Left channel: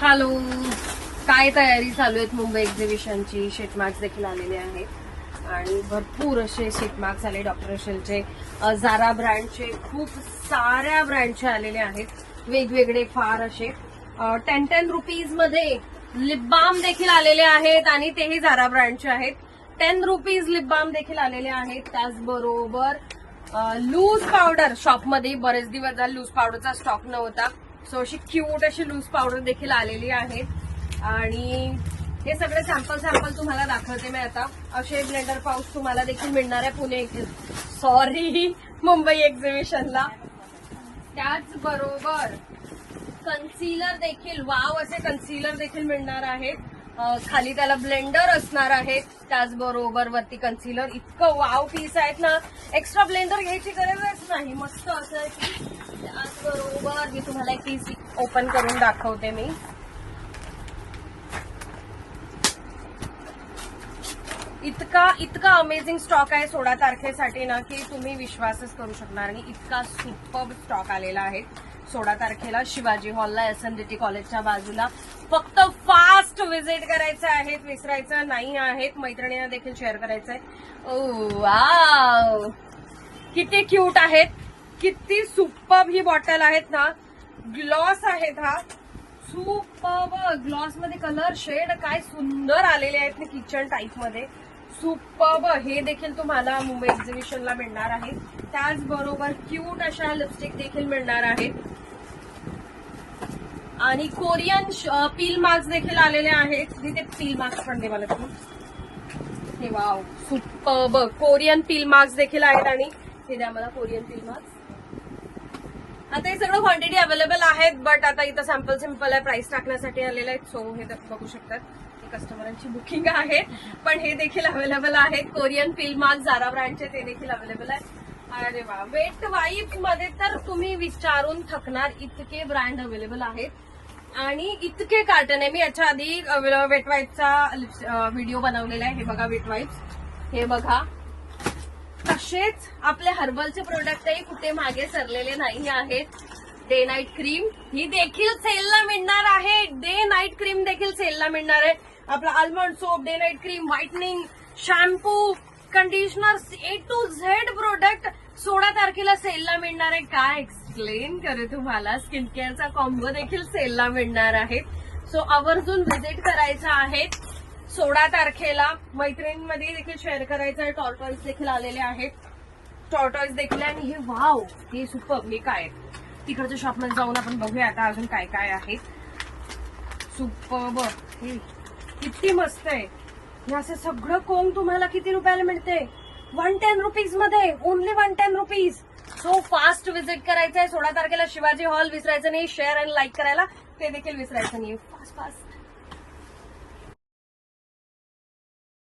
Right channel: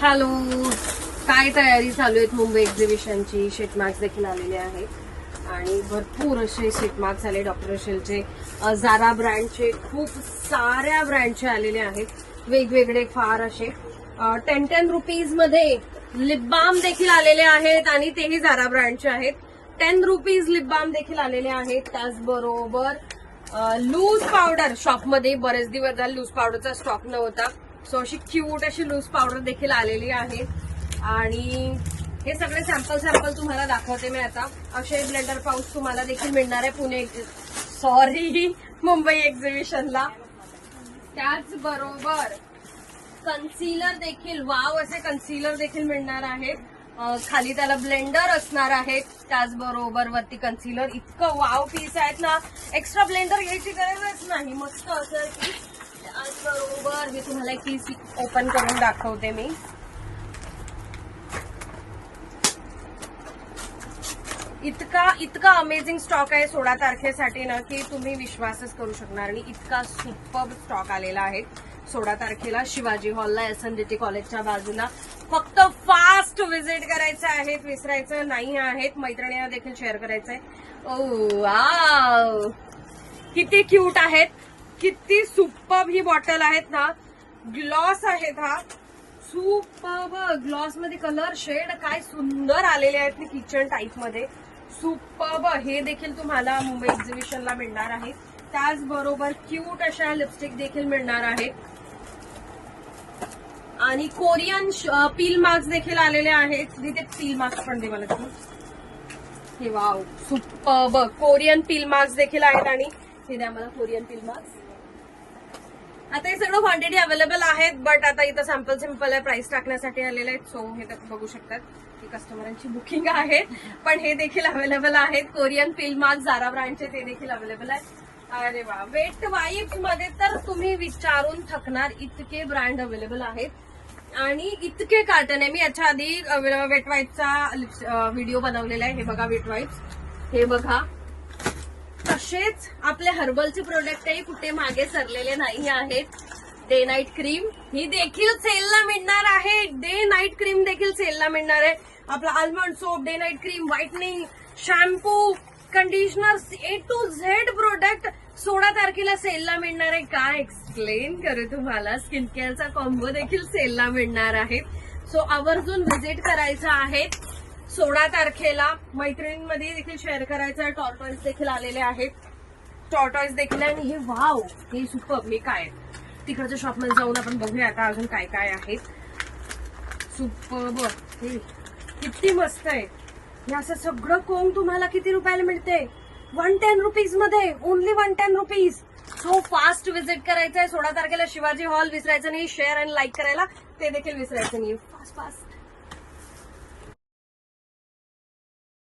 Hello, काय तयारी चालू आहेत मुंबई एक्झिबिशनची. शीटमार्क्स देखील आलेले आहेत आणि भरपूर असे शीटमार्क्स आले. डॉक्टर रशेलचे, झारा ब्रँडचे, खूप साऱ्या ब्रँडचे आलेले आहेत वेगवेगळे फार असे. 10 रुपीज मध्ये लिप बाम देखील आलेले आहेत आणि तेही झारा ब्रँडचे आहेत. 10 रुपीज लिप बाम देखील आलेले आहेत. त्याचबरोबर लूज पावडर, शॉपमध्ये बरेच दिवस झाले लूज पावडरचा स्टॉक नव्हता, सो अशी क्यूट अशी लूज पावडर देखील आलेली आहे. आणि हे सगळे सॅम्पल तुम्हाला दाखवते मी आता. अक्षय ब्लेंडर पाऊच तुम्हाला देखील मिळणार आहे मुंबई एक्झिबिशनला. त्याचबरोबर कन्सिलर देखील, वाव असे कन्सिलर देखील मिळणार आहे. खाली त्याला ब्लेंडर असणार आहे, त्याचबरोबर वरती कन्सिलर. इतकं वाव पीस आहेत ना, एक्स्ट्रा ब्लेंडर घ्यायची गरजच नाही. मस्त असं की. त्याचबरोबर मी तुम्हाला एक पीस ओपन करून दाखवते मी. इतका अमेझिंग स्टॉक आहे 16 तारखेसाठी ना, की तुम्ही विश्वासच करू शकणार नाही. इतका सुपर्ब स्टॉक आलेला आहे 16 तारखेला शिवाजी हॉलला, SNDT कॉलेजच्या बाजूला. फक्त फास्ट व्हिजिट करायचं आहे, विसरायचं नाही आहे. मैत्रिणींना देखील शेअर करायचं आहे. ओ वाव, किती क्यूट आहेत, किती सुपर्ब ही बॉटल आहेत ना. ग्लॉस आहेत हा, सुपर्ब ग्लॉस मध्ये कलर शेड काय सुंदर आलेले आहेत किचन टाईप मध्ये. सुपर्ब. हे देखील तुम्हाला मुंबई एक्झिबिशनला मिळणार आहे. त्याचबरोबर क्यूट अशा लिपस्टिक देखील मिळणार आहे. आणि कोरियन पील मास्क देखील आलेले आहेत. तिथे पील मास्क पण दे मला तुम्ही. हे wow, superb Korean peel mask देखील आहेत. आणि हे द्या मला कोरियन पील मास्क. आता हे सगळं क्वांटिटी अवेलेबल आहेत, बट आता इथं सॅम्पल आहे, प्राइस टाकण्यासाठी आलेले आहेत. सो हे बघू शकतात, हे कस्टमरांची बुकिंग आहे, पण हे देखील अवेलेबल आहेत. कोरियन पील मास्क झारा ब्रँडचे ते देखील अवेलेबल आहे. अरे वा, वेट वाईप्स मध्ये तर तुम्ही विचारून थकणार, इतके ब्रँड अवेलेबल आहेत आणि इतके कार्टन आहे. मी याच्या आधी वेट वाईप्सचा व्हिडिओ बनवलेला आहे. हे बघा वेट वाईप्स, हे बघा. तसेच आपले हर्बलचे प्रोडक्टही कुठे मागे सरलेले नाही आहेत. डे नाईट क्रीम ही देखील सेलला मिळणार आहे. डे नाईट क्रीम देखील सेलला मिळणार आहे. आपला almond soap, day night cream, whitening, shampoo, conditioner, A to Z product 16 तारखेला सेलला मिळणार आहे. काय एक्सप्लेन करू तुम्हाला. स्किन केअरचा कॉम्बो देखील सेलला मिळणार आहे. सो आवर्जून व्हिजिट करायचं आहे 16 तारखेला. मैत्रिणींमध्ये देखील शेअर करायचं आहे. टॉर्टॉइज देखील आलेले आहेत. टॉर्टॉइज देखील आहे. आणि हे वाव, हे सुपर्ब. हे काय आहे, तिकडच्या शॉपमध्ये जाऊन आपण बघूया आता अजून काय काय आहे. सुपर्ब. हे किती मस्त आहे. हे असं सगळं कोंब तुम्हाला किती रुपयाला मिळते? 110 रुपीज मध्ये. Only 110 rupees. So fast visit करायचं आहे 16 तारखेला शिवाजी हॉल. विसरायचं नाही. शेअर आणि लाईक करायला ते देखील विसरायचं नाही. Fast fast